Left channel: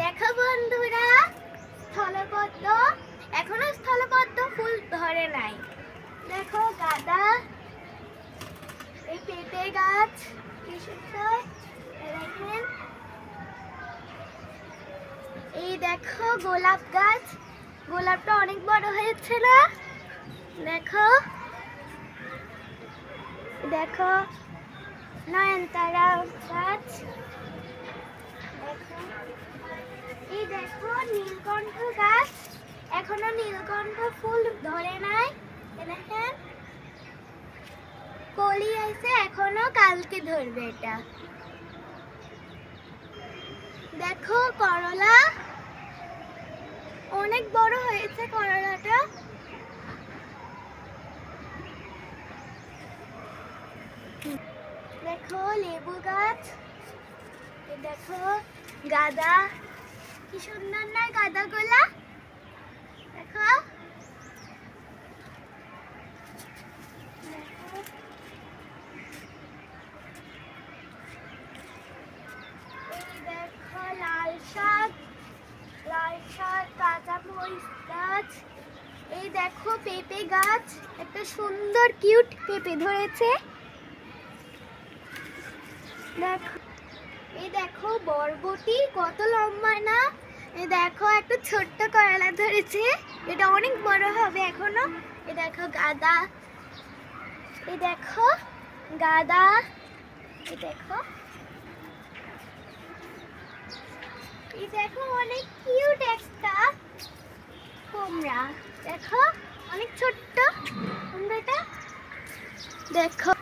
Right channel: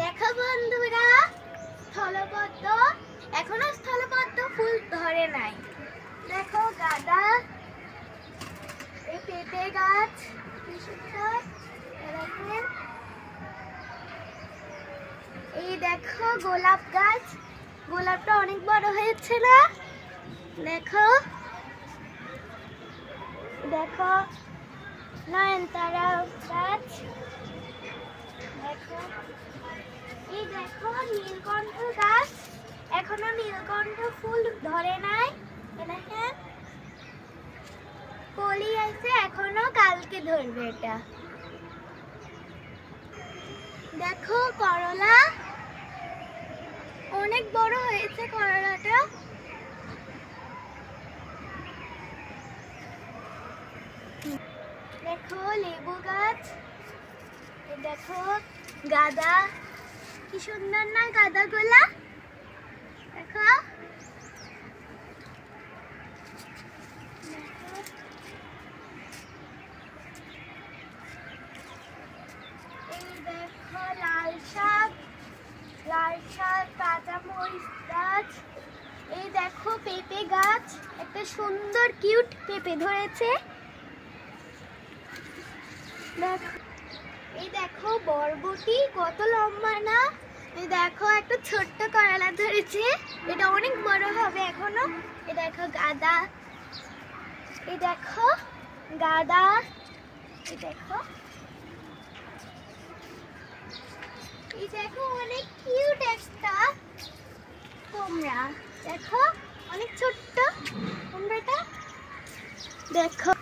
দেখো বন্ধুরা, স্থলপদ্ম এখনো স্থলপদ্ম ফুল ধরে নাই। দেখো গাঁদা, এই পেঁপে গাছ কি সুন্দর, দেখেন। এই দেখো গোলাপ গাছ, গোলাপটা অনেক বড় হয়েছে না? দেখো দেখো নয়নতারা গাছ, দেখো। এই দেখো নীলকণ্ঠ গাছ, এখনো নীলকণ্ঠ ফুল ধরে নাই। দেখেন কলি আছে, এখনো কালকে ধরবে এটা। দেখো করলা, অনেক বড় হয়েছে করলাটা। দেখো লেবু গাছ, দেখো গাঁদা, কি সুন্দর না গাঁদাগুলা, দেখো। এই দেখো লাল শাক, কাঁচা মরিচ গাছ। এই দেখো পেঁপে গাছ, একটা সুন্দর কিউট পেঁপে ধরেছে। দেখো এই দেখো বরবটি, কত লম্বা না। এই দেখো একটা ছোট্ট করলা ধরেছে, এটা অনেক বড় হবে এখনো। এই দেখো গাঁদা, এই দেখো গাঁদা, এই দেখো, এই দেখো অনেক কিউট একটা কুমড়া, দেখো অনেক ছোট্ট কুমড়াটা। দেখো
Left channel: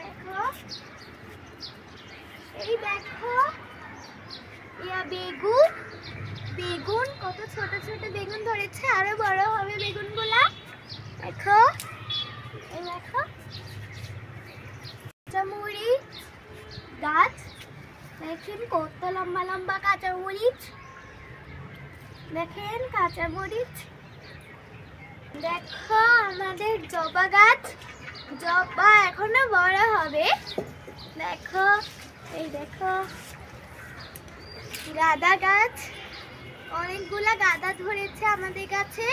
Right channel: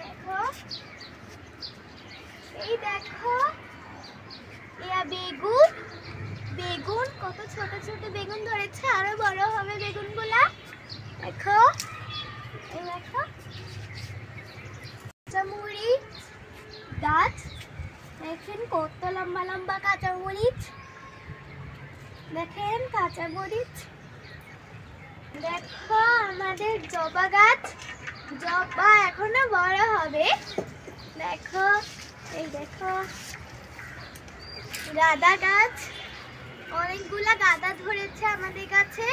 দেখো এই দেখো বেগুন, বেগুন কত ছোট ছোট বেগুন ধরেছে, আরো বড় হবে বেগুনগুলা। দেখো এই দেখো কাঁচামরিচ গাছ, দেখেন কত লম্বা লম্বা কাঁচামরিচ, দেখেন কাঁচামরিচ। দেখো আমাদের জবা গাছ, জবা এখনো বড় হবে। দেখো এই দেখো গাঁদা গাছ, অনেকগুলা গাঁদা ধরেছে আমাদের কাছে।